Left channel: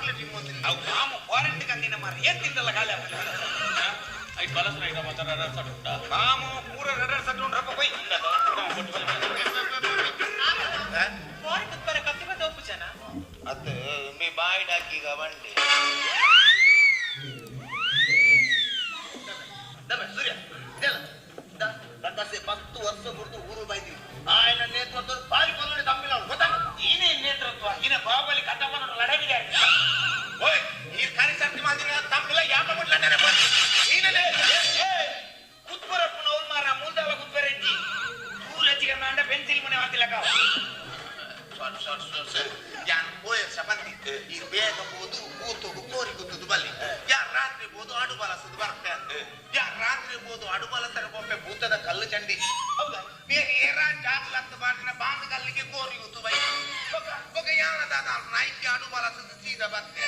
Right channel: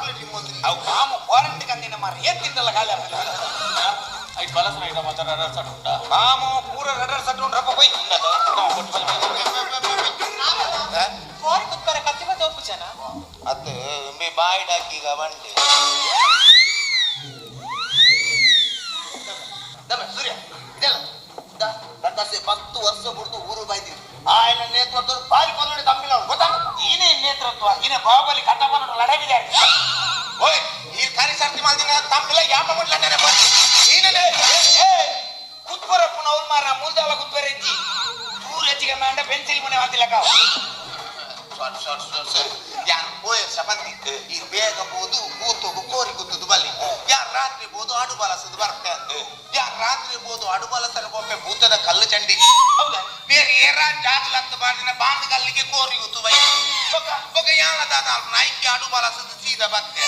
chocolate ಇಮ್ಮೋದು ಅವು ಮಾಮು warranty ಕಂದಿನ ಮಾರಿ ಏನ್ ತಿಂದಲ್ಲ ಗಾಳಿ ಐ ಬಲಸನ ಇದ ಮಾತ್ರ ರಡ ಸಟ್ ಉಂಟಾ ಮಾಮು ಪೂರ ರಡರ್ ಸಟ್ ಉಂಟ್ರಪ್ಪ ಹೋಯ್ ಫಾರ್ ಕುತ್ತರ ಕತ್ತಿವ ತೋಪು ಜನ ಅದು ಮೇ ಬಾಯಿಡಾಕೀಗ ಬಂಡೆ ಸೂರ್ಯ ಪ್ರಕಾಶ್ 10 ವರ್ಷ ಬಿಡ್ತು ಊರು ಬಾಯ್ದಿ ಆಯ್ನ ನೇತೃತ್ವ ಬಾಯಿ ಕೊಲ್ಲೋಡಿ ತಪ್ಪಿಲ್ಲ ಗೊತ್ತಾ ಈನೇ ನೇತೃತ್ವ ಈನೆ ಬಾಹುಬಲಿ ಕಟ್ಟಪ್ಪನ ಲಡವಿದೆ ಓಯ್ ಈ ಕಾರ್ಯಸಾರ್ಥಿ ಮಾಡಿದ ತಪ್ಪಿಲ್ಲ ಯಾವ ಮಾಡ್ಲಾನೆ ಈನಲೇ ಕುತ್ಬರ ಪುನೌಲ್ ಮಾರ ಮೂಲ್ದಾಲ ಕುತ್ಬರ ಇಜ್ಜಿ ದೂರ ಹೆಚ್ಚಿಗೆ ಮಾಂಡ ಪೆನ್ಸಿಲ್ ಮನೆ ಹಾಕಿಲಕ ಯಾರು ಹೋಯ ಸಬಂದಿ ಈ ಬೇಗ ಬೋದು ಕೂತು ಕೋರಿ ಕೂತದು ಬಲ್ಲಿ ಯಾರು ರಾತ್ರಿ ಬೋದು ಆಡು ಬಾಲಸದು ಬರ್ತದೆ ಯಾರು ರಾತ್ರಿ ಬೋದು ಆಡು ಬಾಲಸನ ಒಮ್ಮೆ ಭೂತದ ಕಲ್ಲು ಚಂಡಿ ಹೌದಾ ಬೇರೆ ಏರಾ ಜಾಗ್ಲಂತ ಬಾರಿನ ಬಾಂದ್ ಕಲ್ಲಿಗೆ ಕೋರಿ ಕೂತು ಬೈ ಯಾನದಾದ ನಾಯ್ಕಿ ಆಡು ಬಾಲಸದು ಸೀದಾ ಬತ್ತೆ